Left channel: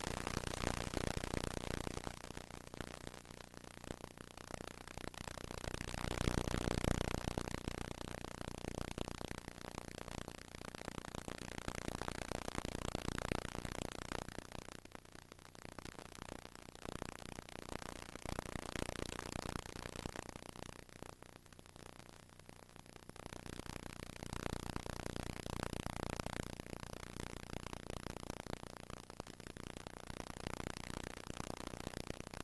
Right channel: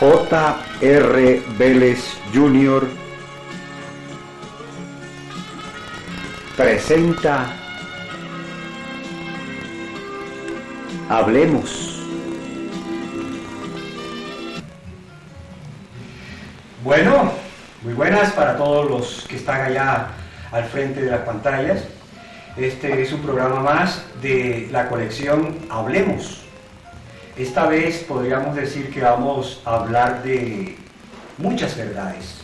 J.R. Vélez Jr. presenta Hablemos. Bueno, muy buenas para todos los que están allá al frente de las pantallas. Este es un programa más de la colección Hablemos. Esta vez podríamos decir que vamos a hablar de muchas verdades.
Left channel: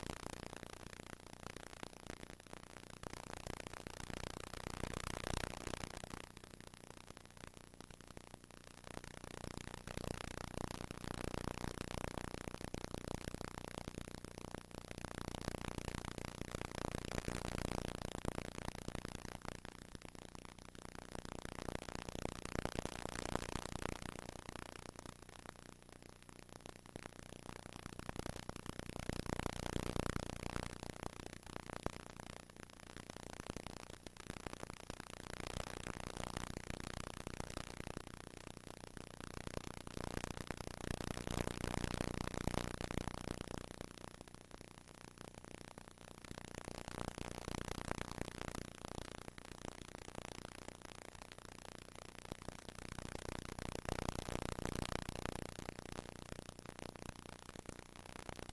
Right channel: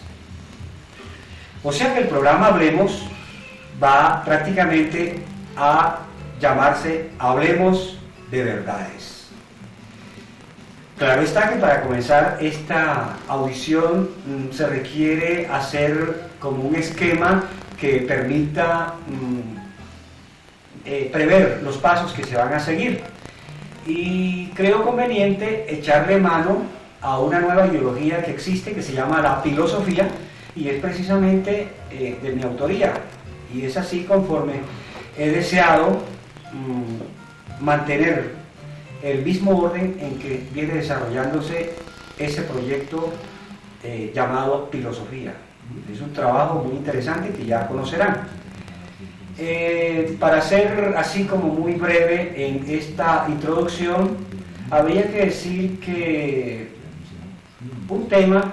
O sea que el programa Hablemos va prácticamente a llamarse Hablemos de Verdades. Claro está que para comenzar esta audición se requiere hacer como un esquema que permita prever los pasos que se van a seguir. Y creo conveniente echarle mano a una nueva ideología que existe, que se llama la filosofía, y es precisamente de mi autoría. Y es así conforme he deseado mantener el mismo orden en que viene desarrollándose ese proyecto llamado filosofía. Es un trabajo muy interesante que ya conocerán. Para ser así como muy breve en esta introducción, habría que decir que un tema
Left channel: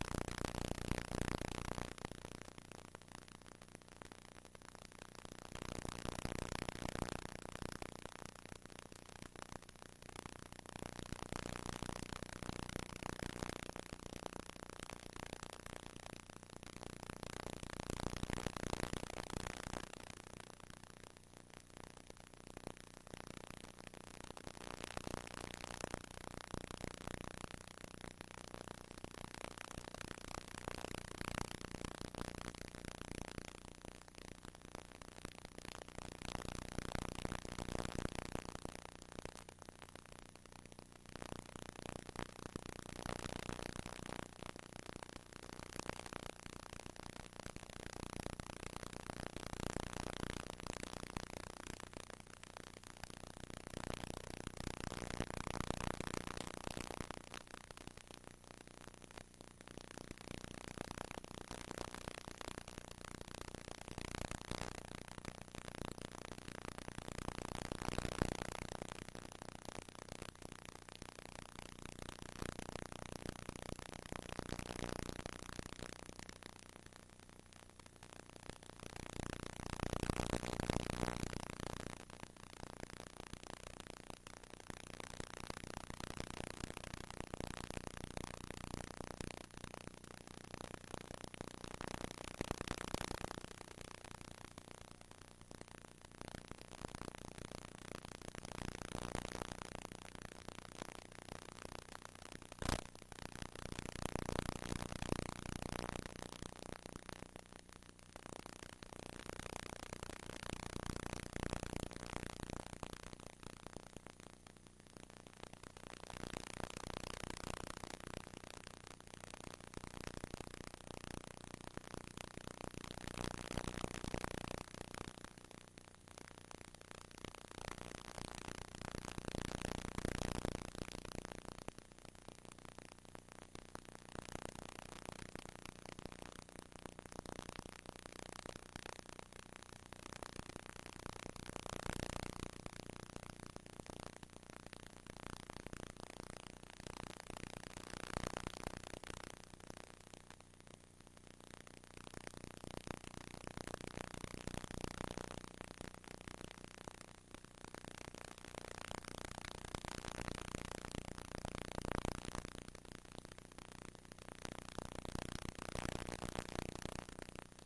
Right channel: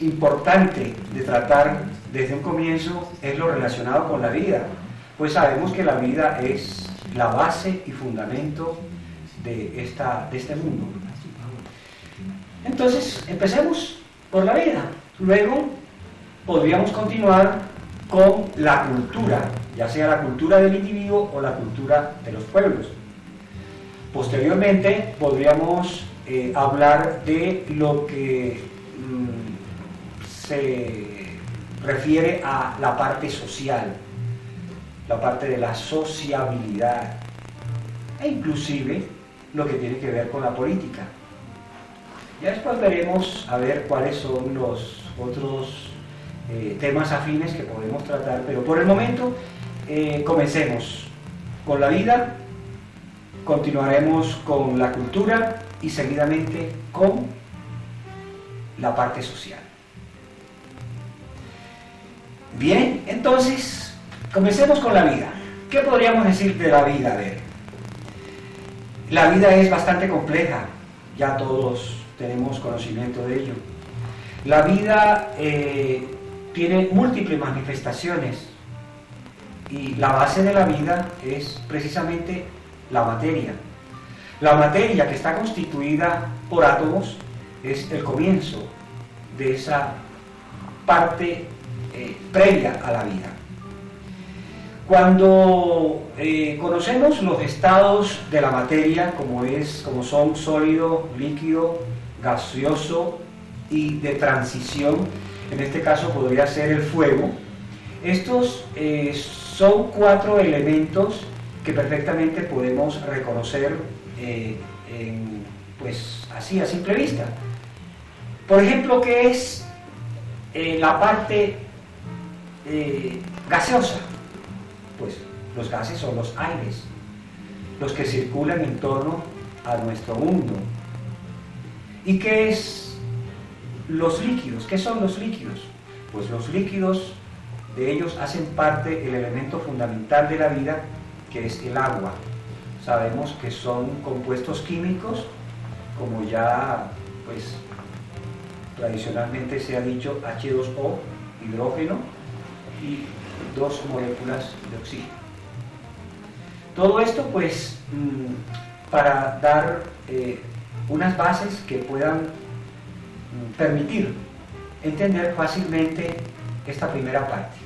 importante de tratar desde un comienzo es lo relacionado con la vida, pues sabemos que la vida es la base y fundamento de este mundo. Entonces, empecemos por la vida, luego podríamos continuar con la cultura, ya sea la cultura del individuo o la cultura de los pueblos. Posteriormente podríamos hablar de lo que se refiere a la parte social, la parte de la sociabilidad, e inclusive lo que tiene que ver con la política. Ya después veremos a ver cuáles son los otros temas afines que podemos tratar, pero por el momento comencemos con la vida, continuaremos con la cultura y seguidamente con la parte social. Bien, entonces comencemos con la vida. ¿Qué podríamos decir de la vida? A ver, la vida es bastante compleja, ya todos tenemos conocimiento de ello. La vida tiene múltiples manifestaciones y la base de la vida es precisamente la materia. La materia, que está constituida por átomos, es el comienzo de esa parte previa a la vida. Cuando conocemos los estados de la materia, como son sólido, líquido, gaseoso y de transición, en este caso podría ser el fuego. Estos son 4 elementos que perfectamente podemos reconocer pues así a simple vista. Por ejemplo, ¿qué es la parte gaseosa? Pues los gases son los aires, los que circulan en torno a nuestro mundo. ¿Y qué es los líquidos? ¿Qué son los líquidos? Pues los líquidos, de ellos hacen parte el elemento fundamental de la vida, que es el agua. Sabemos que son compuestos químicos, como ya pues tradicionalmente se ha dicho, H2O, hidrógeno, y 2 moléculas de oxígeno. Todo esto pues para dar unas bases que puedan permitir entender fácilmente esta primera parte.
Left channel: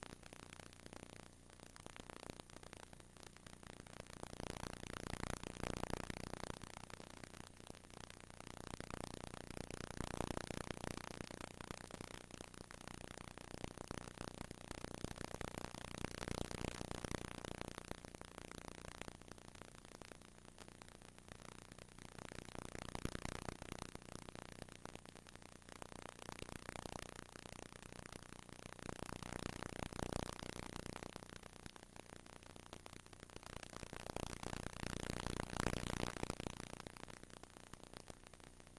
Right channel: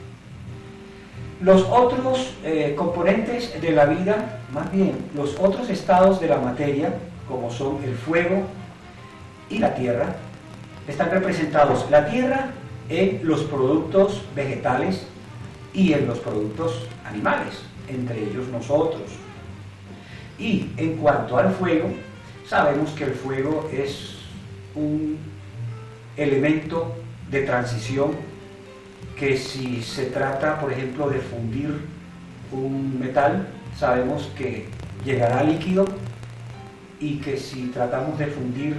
Los otros componentes de la vida, más bien los otros estados de la materia, como son el fuego y la tierra, están representados la tierra en los productos vegetales y en los productos animales, entre ellos nosotros. Y en cuanto al fuego, sabemos que el fuego es un elemento de transición que si se trata, por ejemplo, de fundir un metal, sabemos que llegará líquido, y que si tratamos de fundir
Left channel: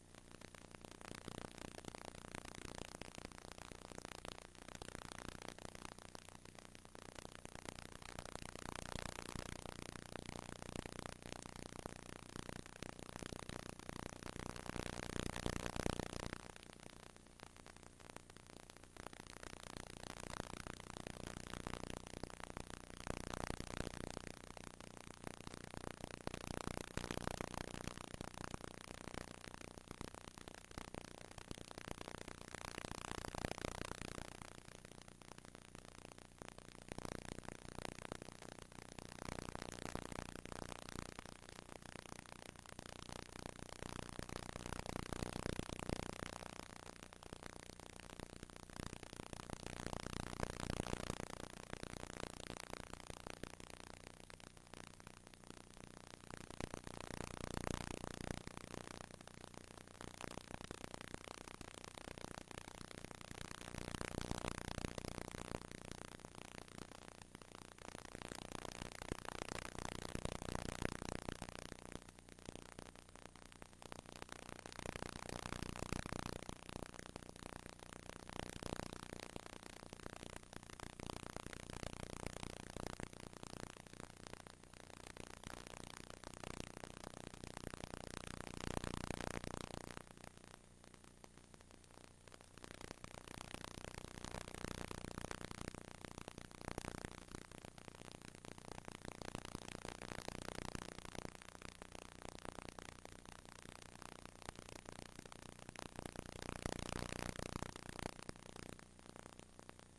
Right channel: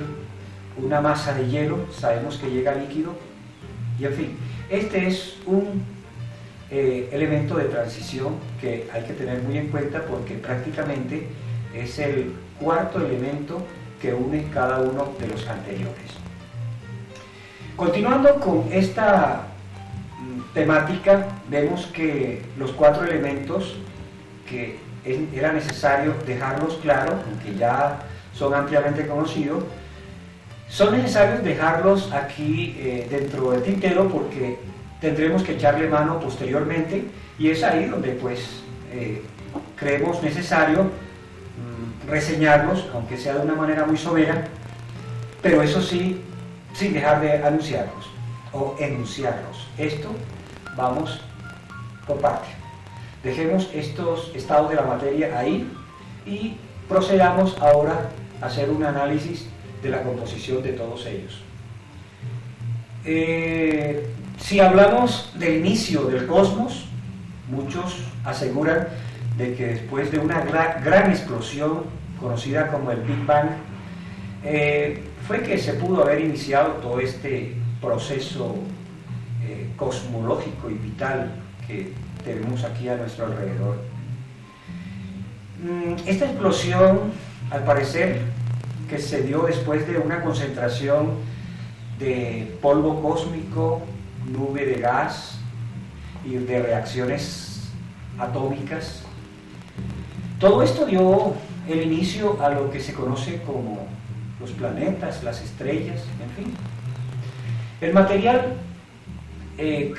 una masa de hielo, sabemos que llega líquido, y en fin, este es un elemento de transición que hay que tener muy en cuenta porque prácticamente es el cuarto elemento que une cada uno de los anteriores. Continuando con esta temática, vemos que los cuatro elementos que era necesario dejarlos claros, aunque ya son ampliamente conocidos, son necesarios dejarlos aquí dentro del tintero porque tendremos que echarle mano posteriormente y es ahí donde pues creemos necesario reseñarlos, aunque sea de una manera muy somera, pero eso sí, sin dejar de anunciarlos o enunciarlos. Esto vamos por parte. Dejemos estos estados de la materia ahí y procedamos ahora a hacer un análisis de la composición de todos ellos. Si hablamos del inicio del cosmos, muchos aseguran de que después de una gran explosión conocida como el Big Bang, fue que se pudo haber iniciado todo este proceso cosmológico y vital que tenemos aquí a nuestro alrededor. Esta explosión, al parecer, que se dio después de una concentración de polvo cósmico, nube de gas y de reacciones atómicas. Todo esto dio el inicio a lo que se conoce como los planetas, las estrellas, en fin. El material de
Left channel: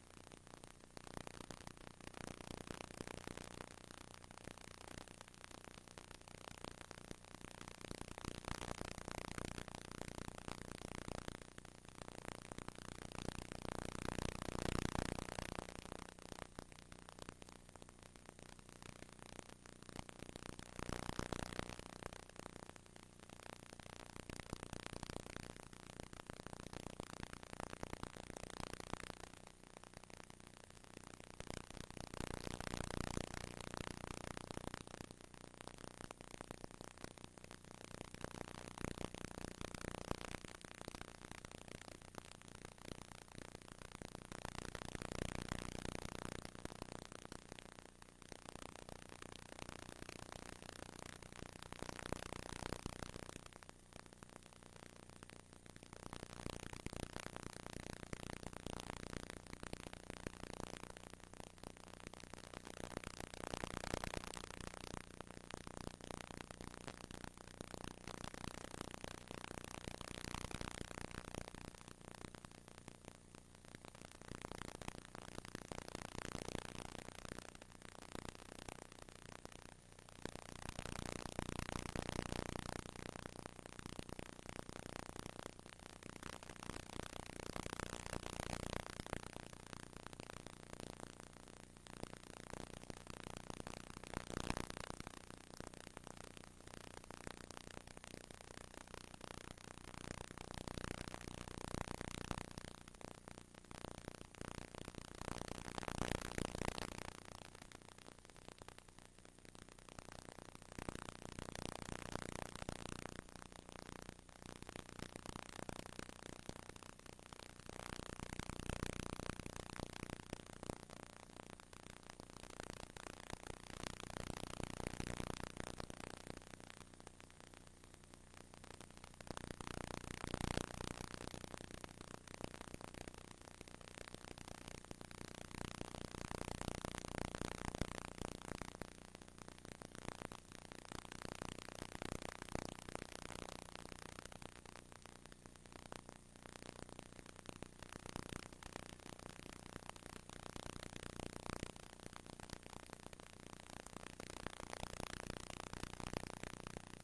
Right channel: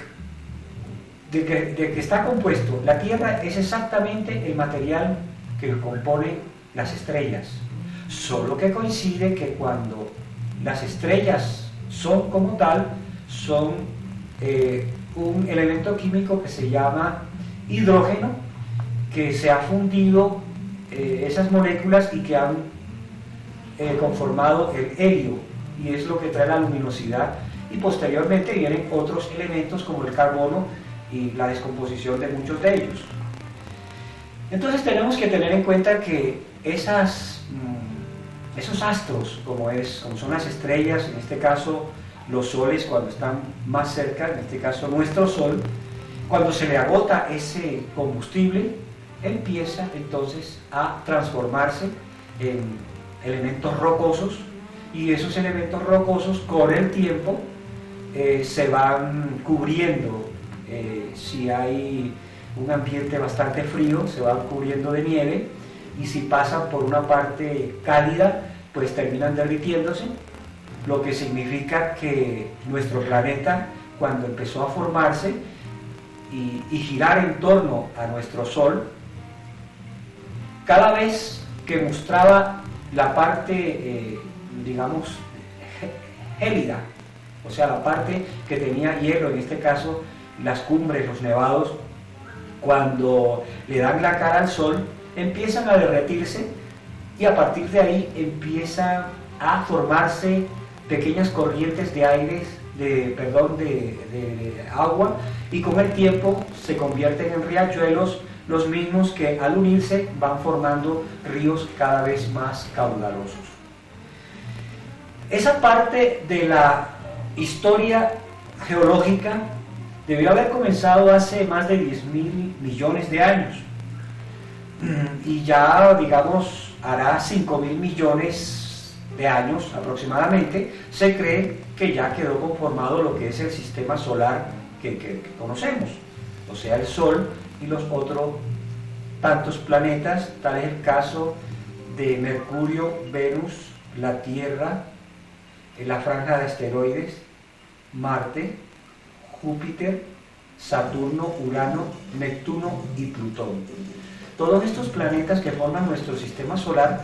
que está compuesto la Tierra es exactamente el material que compone las estrellas, solo que coincide que cuando las estrellas son como tal, son un elemento químico que se llama hidrógeno, que se ha fundido esas moléculas y que han conformado el helio, y es lo que trae la luminosidad, y posteriormente vienen otros elementos como el carbono y la descomposición de muchos de ellos. Entonces tenemos que tener en cuenta que esos astros, como son las estrellas, en este caso los soles cuando están más cerca, en este caso nuestro sol, cuando se le agota ese combustible, empieza entonces a transformarse en elementos rocosos, y esos elementos rocosos con el tiempo se van cubriendo, si hay un ambiente bastante frío, se van cubriendo de nieve, y si pasan por una parte cálida, pues terminan derritiéndose, lo que significa que nuestro planeta, cuando empezó a formarse y girar en torno a nuestro Sol, cada vez que mostraba la parte, digamos, gélida, o sea, la parte que tenía hielo, en este caso las cumbres, los nevados, cuando le dan la cara al Sol, empiezan a derretirse y a partir de ahí empiezan a formarse pequeñas corrientes de aire, de agua, y con el tiempo se convierten en riachuelos, los mismos que al unirse van formando ríos cada vez más caudalosos. Esa parte de la historia geológica debió haber comenzado hace más de 10.000 millones de años, y ya, digamos, hará 5.000 millones de años aproximadamente, se cree que ya quedó conformado lo que es el sistema solar que conocemos, o sea, el Sol y los otros tantos planetas, tal es el caso de Mercurio, Venus, la Tierra, la franja de asteroides, Marte, Júpiter, Saturno, Urano, Neptuno y Plutón. Todos estos planetas que forman nuestro sistema solar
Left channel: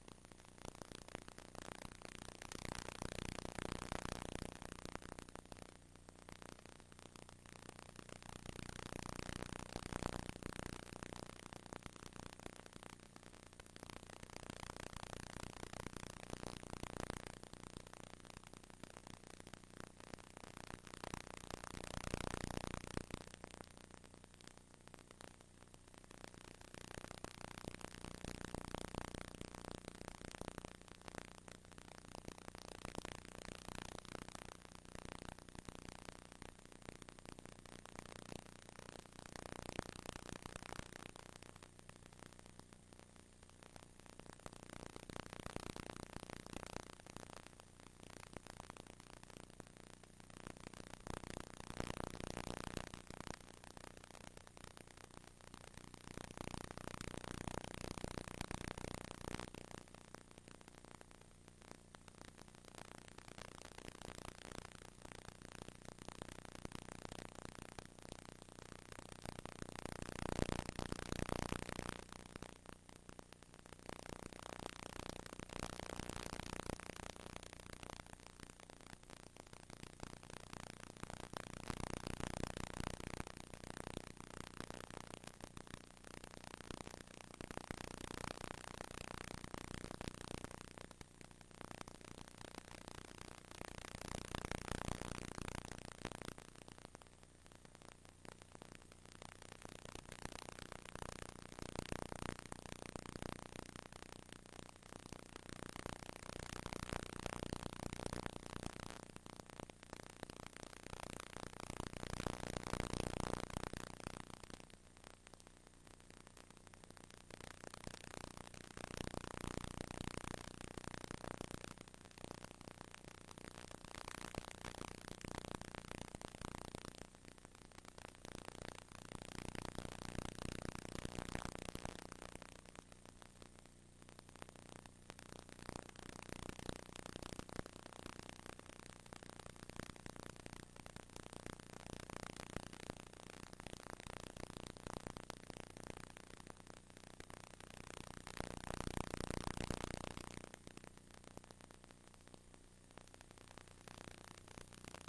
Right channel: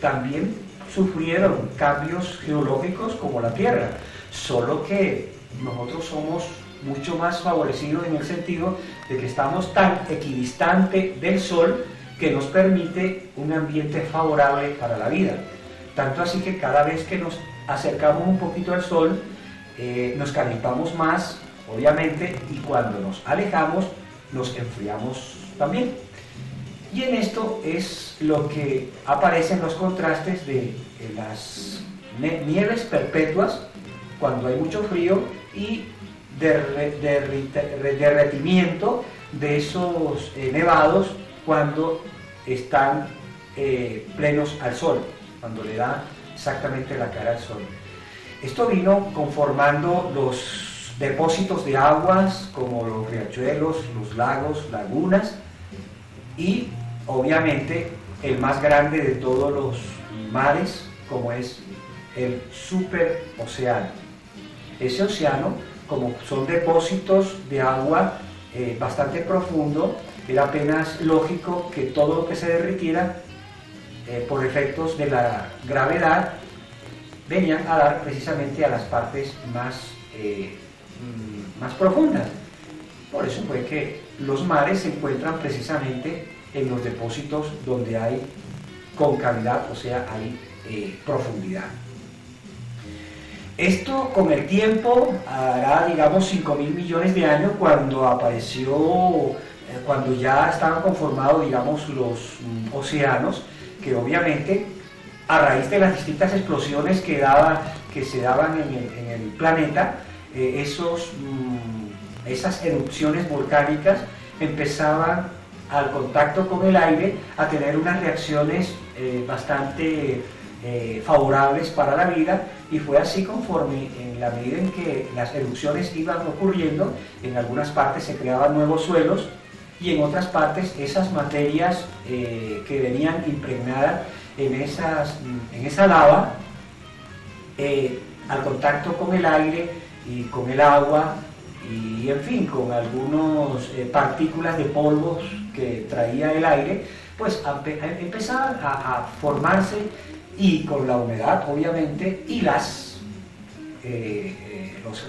también sufrieron cambios geológicos como la Tierra, solo que nosotros somos mucho más favorecidos en el sentido de que estamos tan equidistante del Sol que nos permite un ambiente favorable para la vida. Tanto así que cada vez que nos acercamos un poquito al Sol, nos calentamos más, obviamente, y cuando nos alejamos, nos enfriamos también. Y en esto es lo que aparecen los contrastes de las nieves perpetuas cuando hay mucho frío y derretimiento de esos nevados cuando están plenos al sol, cuando le da exactamente la cara al sol. Esto vino conformando los depósitos de aguas como los riachuelos, los lagos, lagunas y obviamente el más grande de todos los mares, como es el superocéano. Ese océano, como son depósitos de agua bastante profundo, era apenas lógico que todo lo que se derritiera por efectos de la gravedad venían a dar precisamente a las partes más profundas. Por eso fue que los mares se encuentran precisamente en los depósitos donde hay concavidad, o sea, hay profundidad. Esto con el tiempo hará, digamos, 5.000 millones de años cuando apareció, cuando ya estaban conformados, digamos, los océanos, que obviamente a raíz de las distintas explosiones que se daban en el planeta, esas erupciones volcánicas empezaban al contacto con el aire a tener unas reacciones bastante favorables para la vida, y fue así conforme, en la medida en que las erupciones iban ocurriendo, en algunas partes se creaban nuevos suelos y en otras partes esas materias que venían impregnadas en esa lava, al contacto con el aire y con el agua y en fin, con algunas partículas de polvos que traía el aire, pues empezaban a formarse, y con la humedad obviamente y los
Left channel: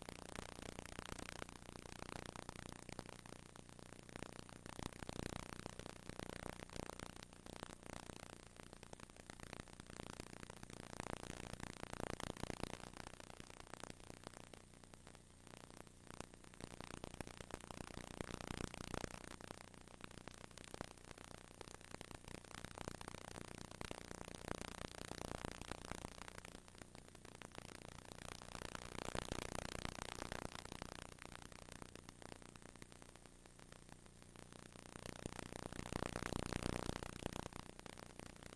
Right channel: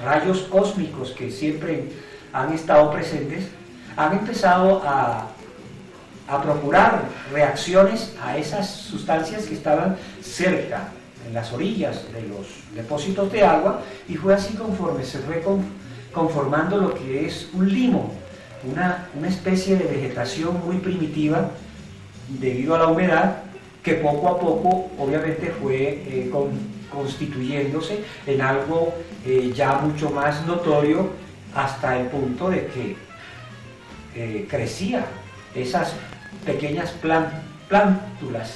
rayos cósmicos que siempre han estado presentes, han empezado a procurar reacciones a esas sustancias que estaban cerca, en las orillas de los depósitos de agua, y fue así conforme se fue conformando lo que es un limo, una especie de vegetación muy primitiva debido a la humedad, que poco a poco obviamente fue constituyéndose en algo ya mucho más notorio, hasta el punto de que crecía esas pequeñas plántulas,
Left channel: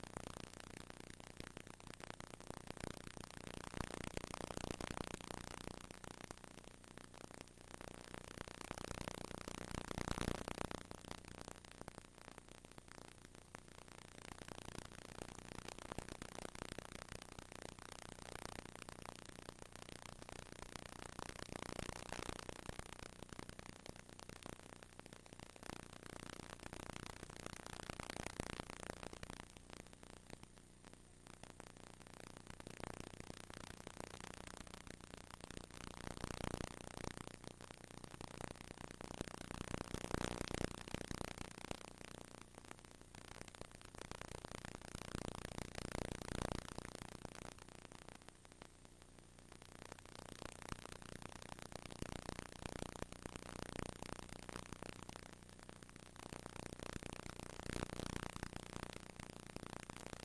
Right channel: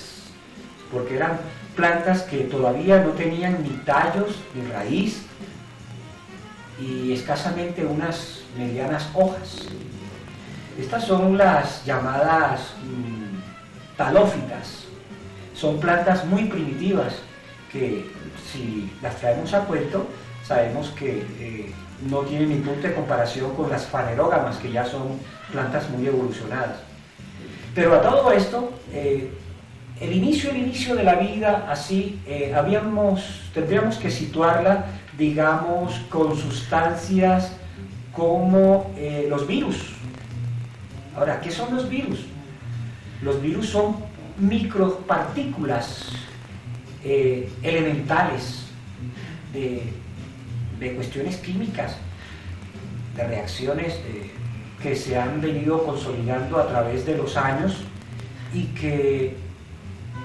porque eran plantas que todavía no tenían ni tallos ni raíz y escasamente unas medianas hojas. Estas son las llamadas talófitas. Son plantas muy primitivas que, si las traemos a cuento, sabemos que no tienen ni punto de comparación con las fanerógamas, que ya son plantas muy evolucionadas. Pero a todo esto, el inicio de la vida, así, tendríamos que situarla, digamos, con sustancias como los virus. Ahora, ¿qué son los virus? Los virus son micropartículas elementales de cuestiones químicas, de reacciones que se han venido consolidando a través de los años, y que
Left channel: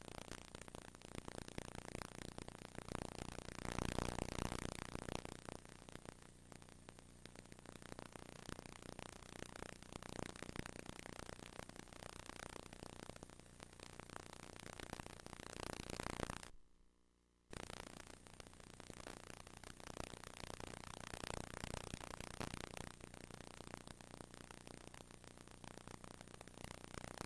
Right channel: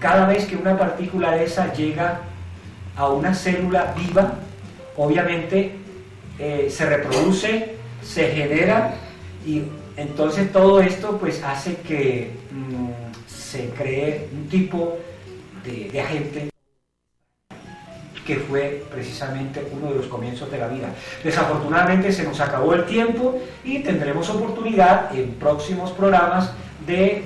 cada vez que una partícula de esa llega a una célula viva, obviamente se reproduce, se genera, y entonces todo esto pues hace que se cree un tipo de agente que fue precisamente uno de los comienzos de la vida. Desafortunadamente se nos acabó el tiempo y tendremos oportunidad en próximos programas de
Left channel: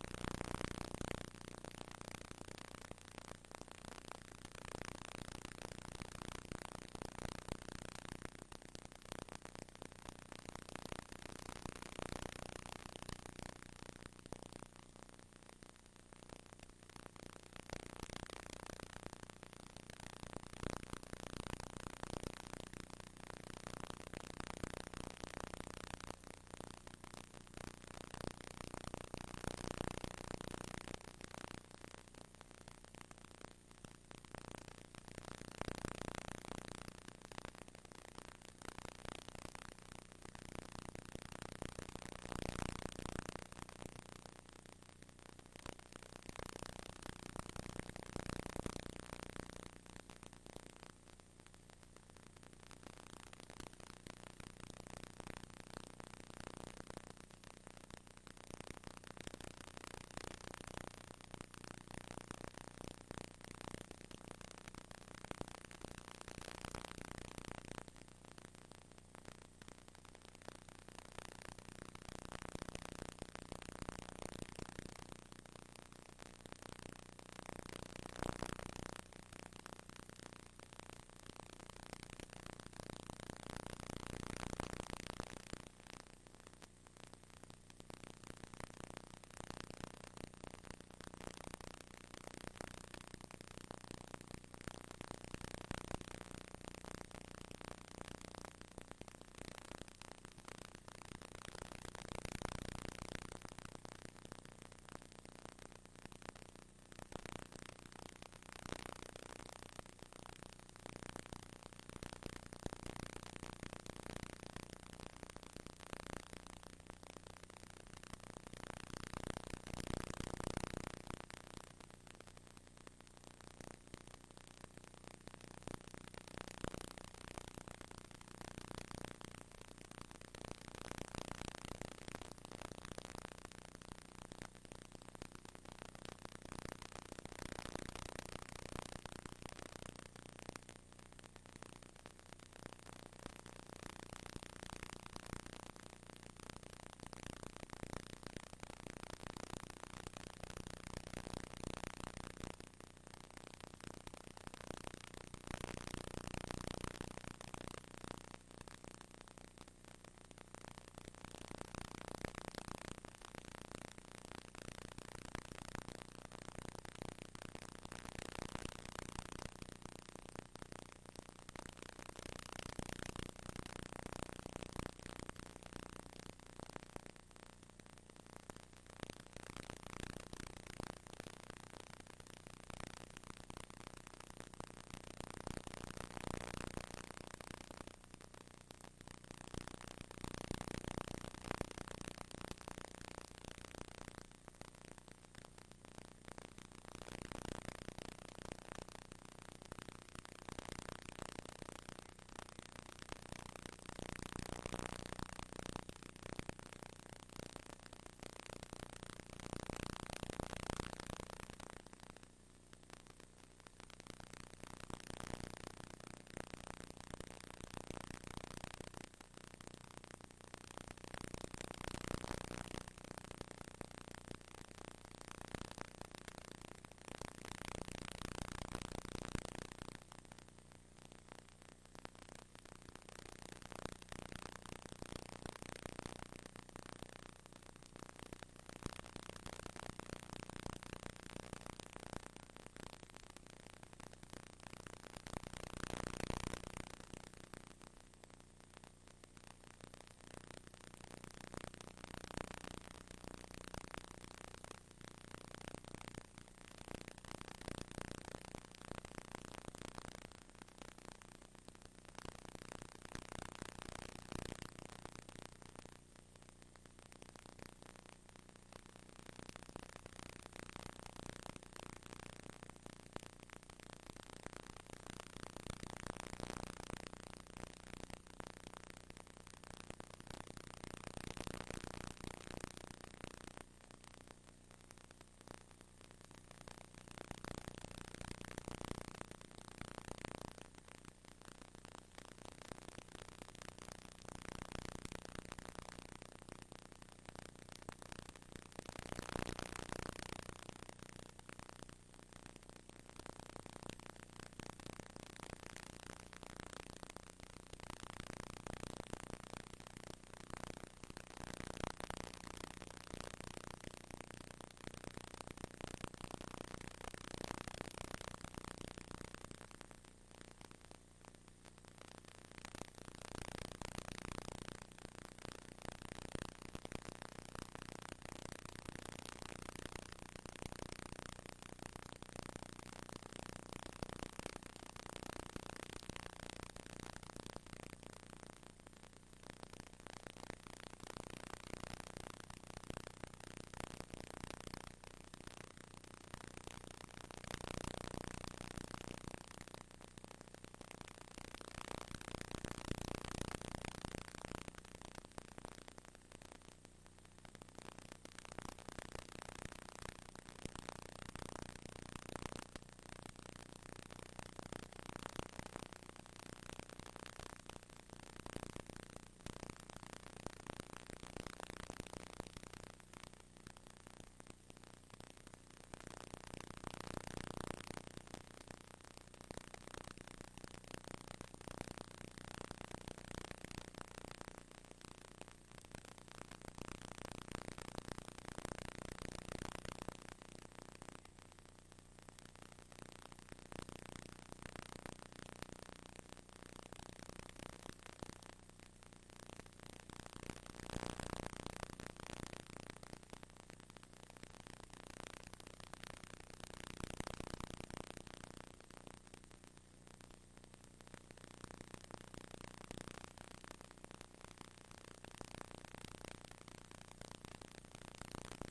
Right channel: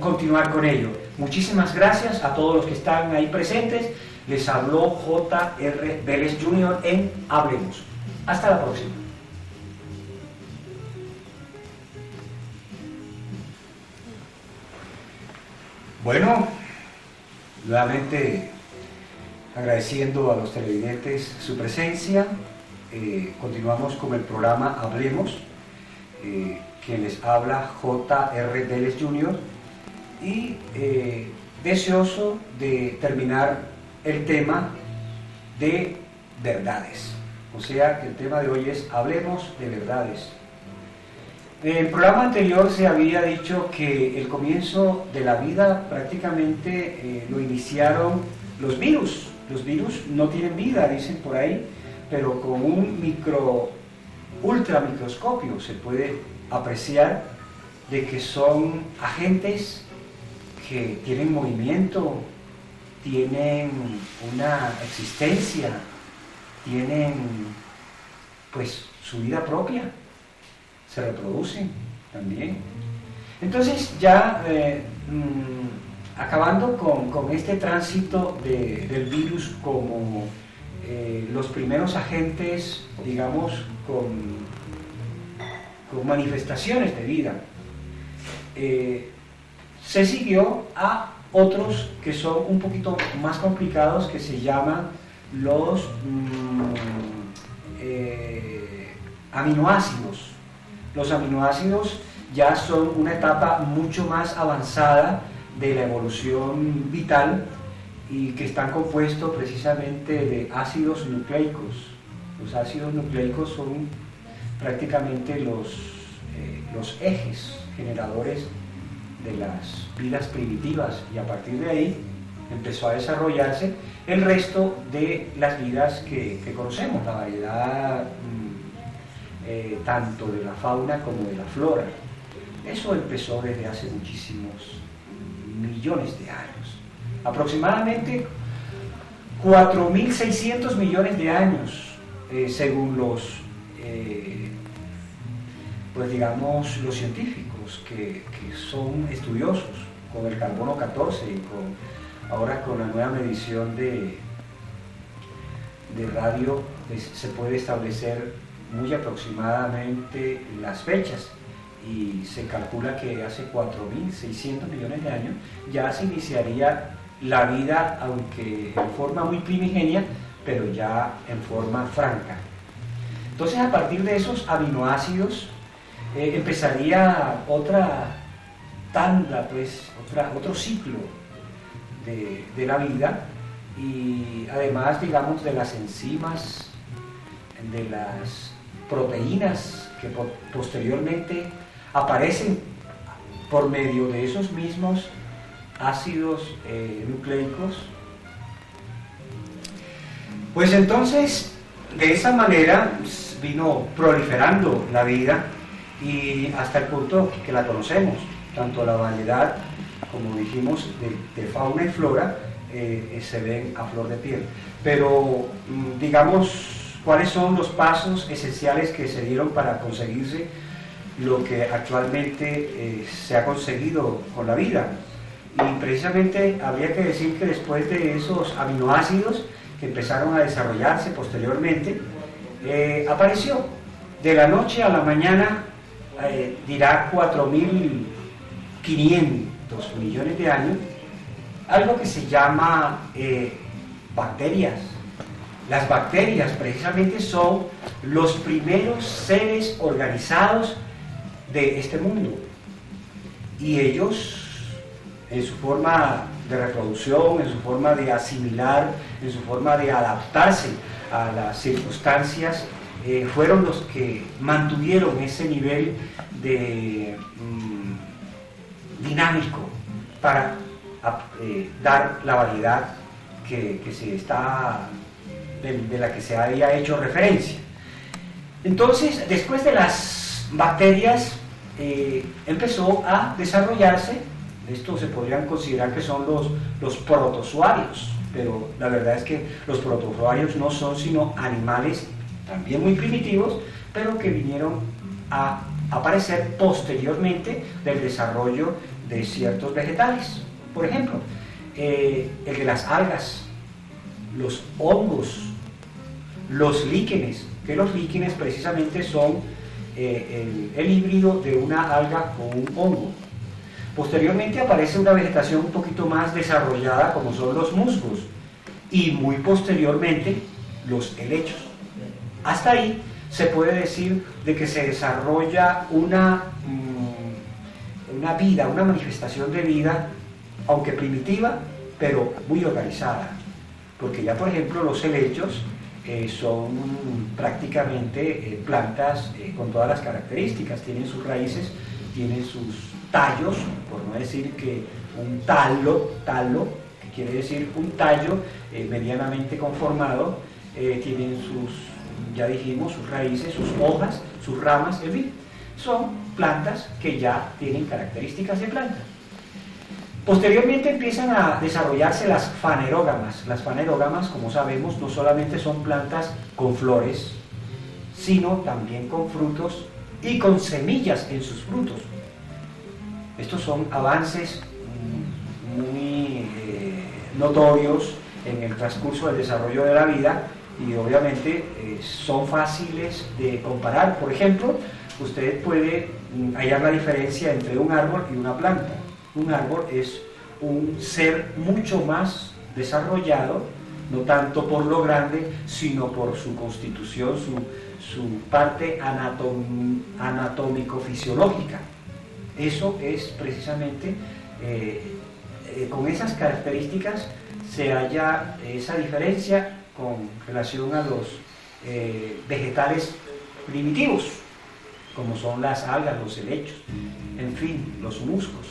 continuar con ello. Muchísimas gracias a todos los que están ahí presentes. Les habló J.R. Vélez Jr. en Hablemos. Hasta la próxima. Bueno, nuevamente agradeciendo a los televidentes su presencia, continuamos con el programa Hablemos, quien les habla J.R. Vélez Jr. y deseoso de terminar el tema de verdades. O sea, el tema de hoy es Hablemos de verdades. En el programa anterior se había dicho que el comienzo de la vida prácticamente lo iniciaron los virus, Los virus no tienen vida, dicen por ahí, pero con un ultramicroscopio se puede apreciar de que son agentes que tienen movimiento, tienen una existencia, tienen pues su vida propia, se reproducen también. Entonces ya acabando con este tránsito del virus como los primeros agentes, digamos, con manifestaciones de vida, se siguió a otros que son un poquito más complicados, que se llaman los aminoácidos. Los aminoácidos ya son una etapa mucho más avanzada de la evolución vital y que están compuestos precisamente de ácidos nucleicos. Los ácidos nucleicos son prácticamente los ejes generadores de las vidas primitivas, y a partir de ahí empezó a desarrollarse el resto de las vidas que conocemos, la variedad tanto de la fauna como de la flora. Eso empezó desde hace muchísimos millones de años, aproximadamente 4.600 millones de años, según los pues digamos los científicos que son estudiosos con el carbono 14 y ahora con la nueva medición de radio, pues, se puede establecer muy aproximadamente las fechas, y se calcula que hace 4.600 millones de años ya se iniciaría la vida, aunque en forma muy primigenia, pero ya en forma franca. Entonces, a partir de esos aminoácidos empezaría otra tanda, pues, otro ciclo de la vida, y además, digamos, de las enzimas, de las proteínas que posteriormente aparecen por medio de esos mismos ácidos nucleicos. Pues entonces, de esa manera vino proliferando la vida, y hasta el punto que la conocemos, tanto la variedad, como dijimos, de fauna y flora, se ven a flor de piel. Pero, digamos, ¿cuáles son los pasos esenciales que se dieron para conseguirse lo que actualmente se ha conseguido con la vida? Y precisamente habría que decir que después de esos aminoácidos que empezaron a desarrollarse posteriormente, apareció de la noche a la mañana, dirá 4.500 millones de años, algo que se llama bacterias. Las bacterias precisamente son los primeros seres organizados de este mundo, y ellos, en su forma de reproducción, en su forma de asimilar, en su forma de adaptarse a las circunstancias, fueron los que mantuvieron ese nivel de dinámico para dar la variedad que se está, de la que se había hecho referencia. Entonces, después de las bacterias, empezó a desarrollarse, esto se podrían considerar que son los protozoarios, pero la verdad es que los protozoarios no son sino animales también muy primitivos, pero que vinieron a aparecer posteriormente del desarrollo de ciertos vegetales. Por ejemplo, el de las algas, los hongos, los líquenes, que los líquenes precisamente son el híbrido de una alga con un hongo. Posteriormente aparece una vegetación un poquito más desarrollada, como son los musgos, y muy posteriormente los helechos. Hasta ahí se puede decir de que se desarrolla una vida, una manifestación de vida, aunque primitiva, pero muy organizada, porque ya por ejemplo los helechos son prácticamente plantas con todas las características, tienen sus raíces, tienen sus tallos, por no decir que un talo, quiere decir un tallo medianamente conformado, tienen sus, ya dijimos, sus raíces, sus hojas, sus ramas, en fin, son plantas que ya tienen características de planta. Posteriormente empiezan a desarrollarse las fanerógamas. Las fanerógamas, como sabemos, no solamente son plantas con flores, sino también con frutos y con semillas en sus frutos. Estos son avances muy notorios en el transcurso del desarrollo de la vida y obviamente son fáciles de comparar. Por ejemplo, usted puede hallar la diferencia entre un árbol y una planta. Un árbol es un ser mucho más desarrollado, no tanto por lo grande, sino por su constitución, su parte anatómico-fisiológica. Eso es precisamente, con esas características se halla esa diferencia con relación a los vegetales primitivos, como son las algas, los helechos, en fin, los musgos.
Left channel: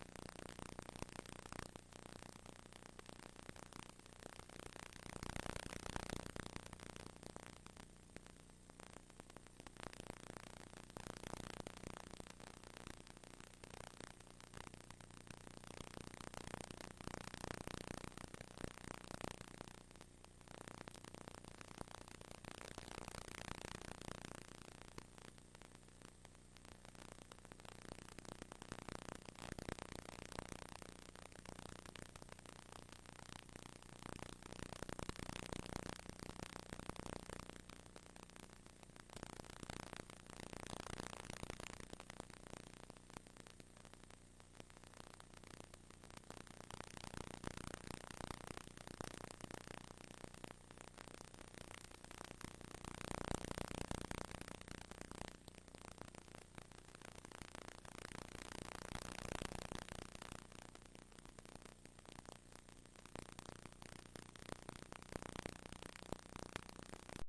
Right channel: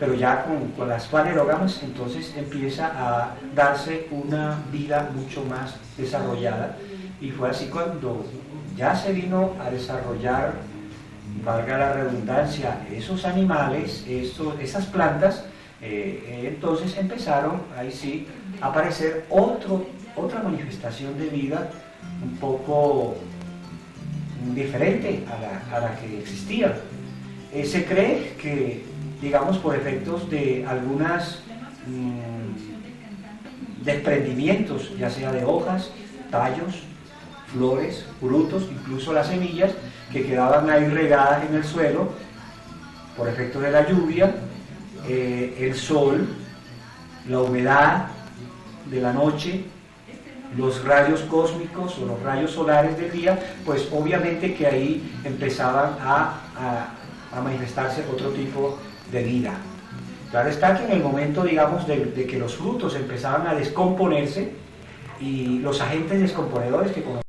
Pero ya con las fanerógamas entonces empieza a darse una vida mucho más desarrollada, y fue así cuando ya se vino a desarrollar, valga la redundancia, esos animales, esas plantas, entonces empezaron ahí sí a aparecer otra manifestación de vida un poco diferente a la que existía. Se cree que, digamos, por efectos de algunos desprendimientos, ya sea de hojas, tallos, flores, frutos, incluso las semillas que quedaban ahí regadas en el suelo por efecto de la lluvia, el sol, la humedad de la noche, los rayos cósmicos o los rayos solares del día, pues obviamente que ahí empezaban a manifestarse otro tipo de vida. Claro está que en el momento, digamos, de que los frutos empezaban a descomponerse y los agentes descomponedores que conocemos